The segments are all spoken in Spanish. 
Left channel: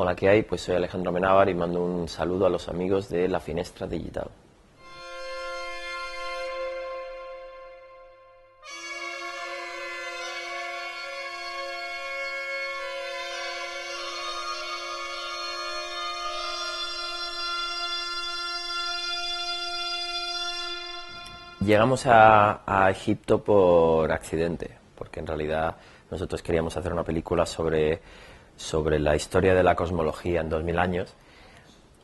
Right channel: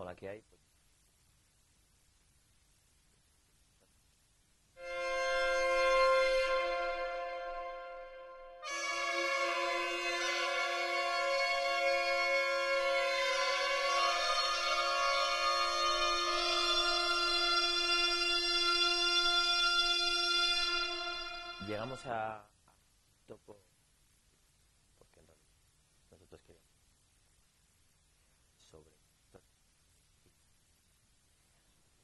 Hola, ¿qué hay? Pues soy Alejandro Amenábar y mando un saludo a los amigos de La Finestra Digital. Llegamos a Egipto por accidente, porque en realidad nosotros queríamos hacer una película sobre la historia de la cosmología en 2000 años,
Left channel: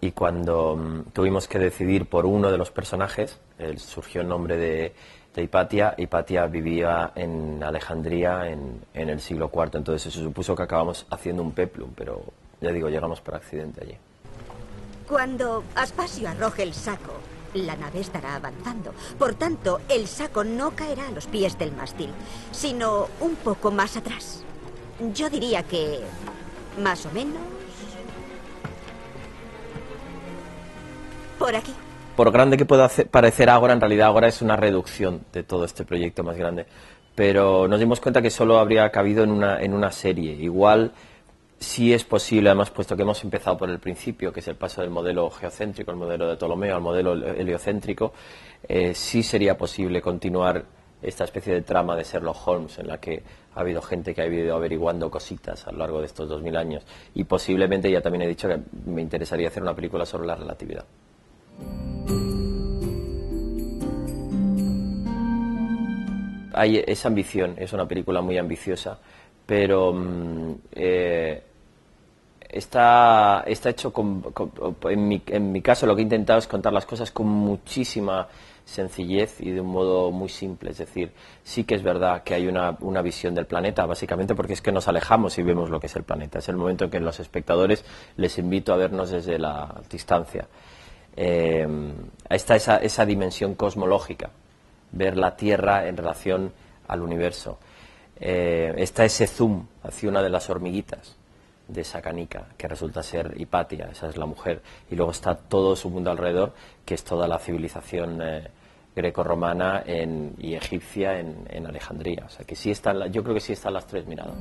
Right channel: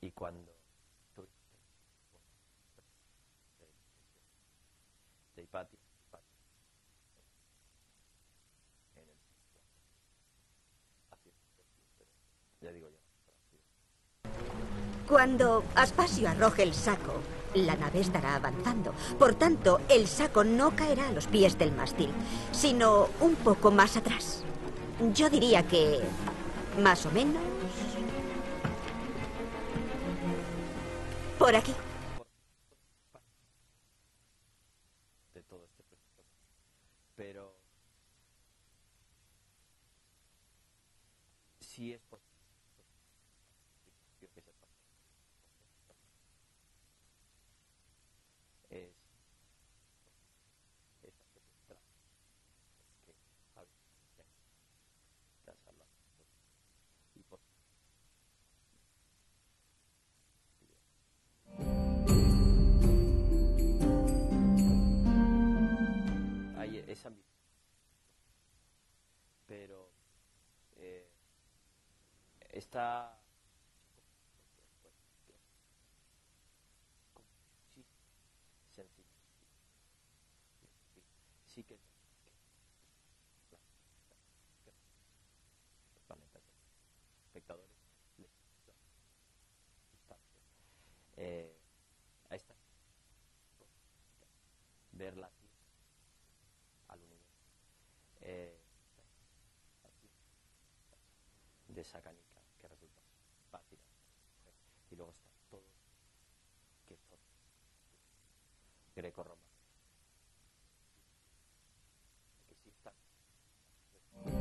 y cuando tuvimos que decidir por uno de los personajes, surgió el nombre de Hipatia. Hipatia vivía en Alejandría en el siglo IV, entonces se supuso que acabamos haciendo un peplum, pero ya digo, llegamos por accidente allí. Cuando Aspasio arroje el saco, la nave estará avanzando. Por tanto, el saco no caerá a los pies del mástil, sino un poco más atrás. Yo diría que más o menos por aquí. Por grande que pueda parecer Ágora, en realidad Ágora es una reducción de todo este proyecto más grande. Pero nos dimos cuenta que solo habría cabido en una serie. Igual sí es posible, además, puesto que hemos empezado por el principio, que es el paso del modelo geocéntrico, el modelo de Ptolomeo, al modelo heliocéntrico, sí sería posible continuar esta especie de trama de Sherlock Holmes, en la que ha habido gente que ha ido averiguando cositas a lo largo de estos 2000 años. Y posiblemente, ya también he dicho que me interesaría hacer una película sobre la relatividad. Hay esa ambición, es una película muy ambiciosa, pero está hecho en mi caso lo que he intentado es contar las cosas con muchísima sencillez y de un modo muy simple. Es decir, sí que es verdad que hay una visión del planeta, básicamente porque es que nos alejamos y vemos lo que es el planeta. Es el momento en que los espectadores les invito a vernos desde la distancia. Está esa dimensión cosmológica, ver la Tierra en relación al universo. Está ese zoom hacia una de las hormiguitas de esa canica, que resulta ser Hipatia, esa es la mujer, y luego está todo su mundo alrededor, que es toda la civilización greco-romana y egipcia en Alejandría. O sea, que sí están, yo creo que sí están las tres miradas.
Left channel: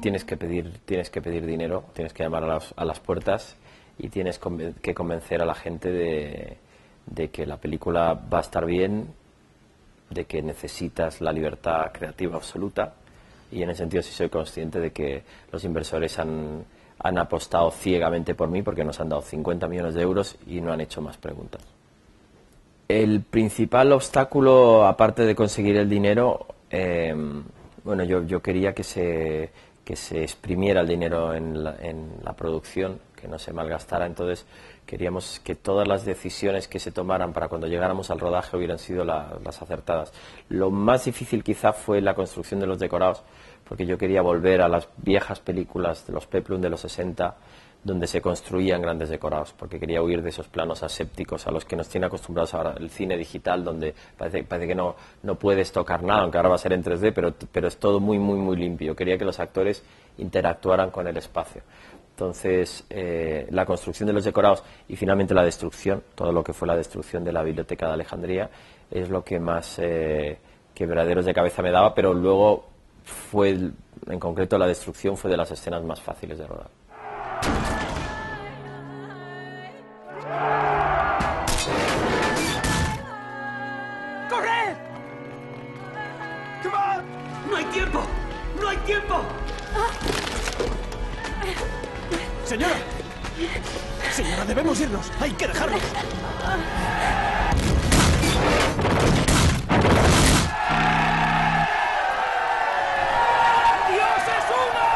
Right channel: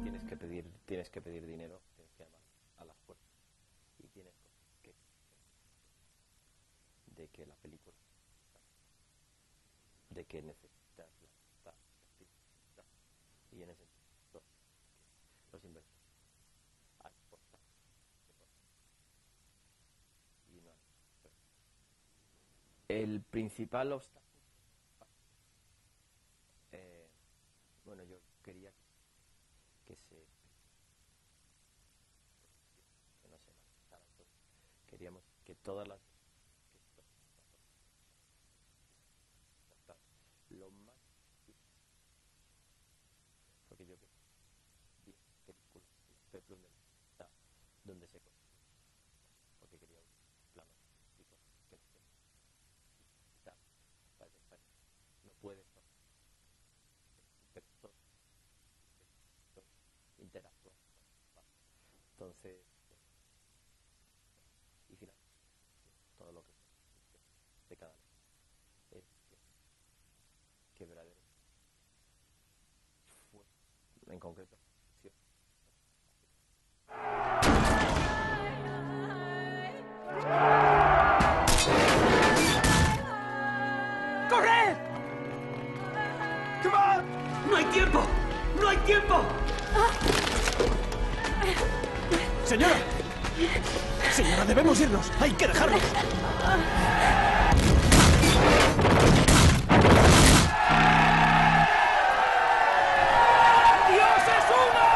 Tienes que pedir dinero, tienes que llamar a las puertas y tienes que convencer a la gente de que la película va a estar bien, de que necesitas la libertad creativa absoluta, y en ese sentido sí soy consciente de que los inversores han apostado ciegamente por mí porque nos han dado 50 millones de euros y no han hecho más preguntas. El principal obstáculo, aparte de conseguir el dinero, bueno, yo quería que se exprimiera el dinero en la producción, que no se malgastara. Entonces queríamos que todas las decisiones que se tomaran para cuando llegáramos al rodaje hubieran sido las acertadas. Lo más difícil quizá fue la construcción de los decorados, porque yo quería volver a las viejas películas de los peplum de los 60, donde se construían grandes decorados, porque quería huir de esos planos asépticos a los que nos tiene acostumbrados ahora el cine digital, donde parece que no puedes tocar nada, aunque ahora va a ser en 3D, pero es todo muy, muy, muy limpio. Quería que los actores interactuaran con el espacio. Entonces, la construcción de los decorados y finalmente la destrucción, todo lo que fue la destrucción de la Biblioteca de Alejandría, es lo que más quebraderos de cabeza me daba, pero luego en concreto la destrucción fue de las escenas más fáciles de rodar. ¡Corred! ¡Come on! ¡No hay tiempo! ¡No hay tiempo! ¡Señora! ¡Señora, debemos irnos! ¡Hay que dejarlos! ¡Dios es uno!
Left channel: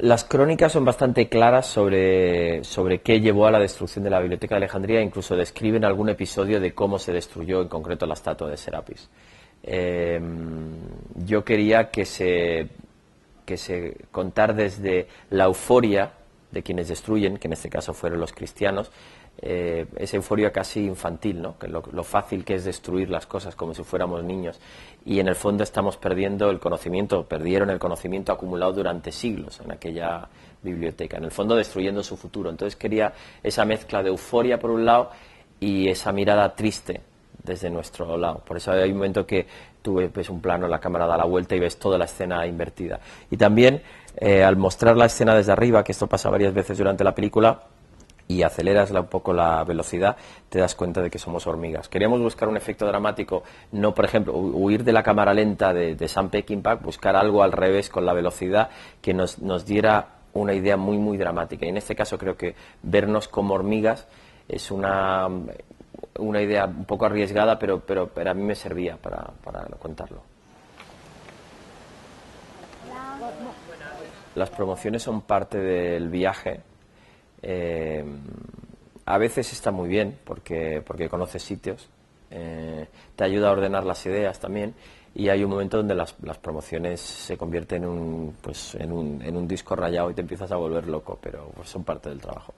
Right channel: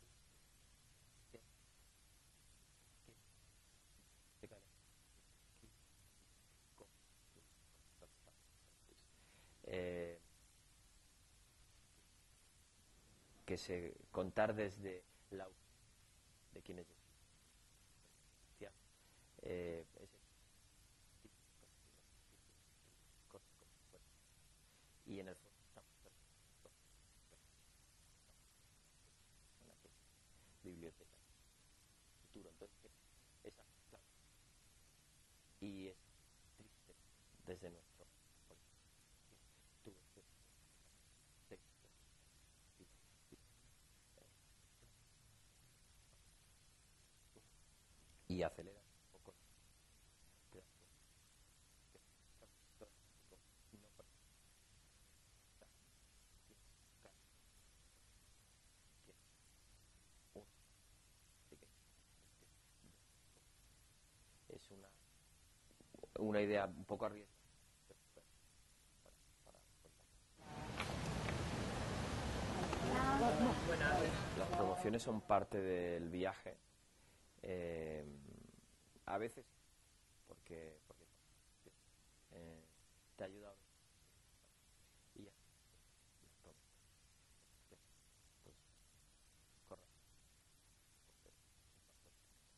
Las crónicas son bastante claras sobre qué llevó a la destrucción de la Biblioteca de Alejandría. Incluso describen algún episodio de cómo se destruyó en concreto la estatua de Serapis. Yo quería que se contar desde la euforia de quienes destruyen, que en este caso fueron los cristianos, esa euforia casi infantil, ¿no? Que lo fácil que es destruir las cosas como si fuéramos niños, y en el fondo estamos perdiendo el conocimiento, perdieron el conocimiento acumulado durante siglos en aquella biblioteca, en el fondo destruyendo su futuro. Entonces quería esa mezcla de euforia por un lado y esa mirada triste desde nuestro lado. Por eso hay un momento que tú ves un plano, la cámara da la vuelta y ves toda la escena invertida. Y también al mostrar la escena desde arriba, que esto pasa varias veces durante la película, y aceleras un poco la velocidad, te das cuenta de que somos hormigas. Queríamos buscar un efecto dramático, no, por ejemplo, huir de la cámara lenta de Sam Peckinpah, buscar algo al revés con la velocidad que nos diera una idea muy, muy dramática. Y en este caso creo que vernos como hormigas es una idea un poco arriesgada, pero a mí me servía para contarlo. Las promociones son parte del viaje. A veces está muy bien porque conoces sitios, te ayuda a ordenar las ideas también, y hay un momento donde las promociones se convierten en un disco rayado y te empiezas a volver loco, pero pues son parte del trabajo.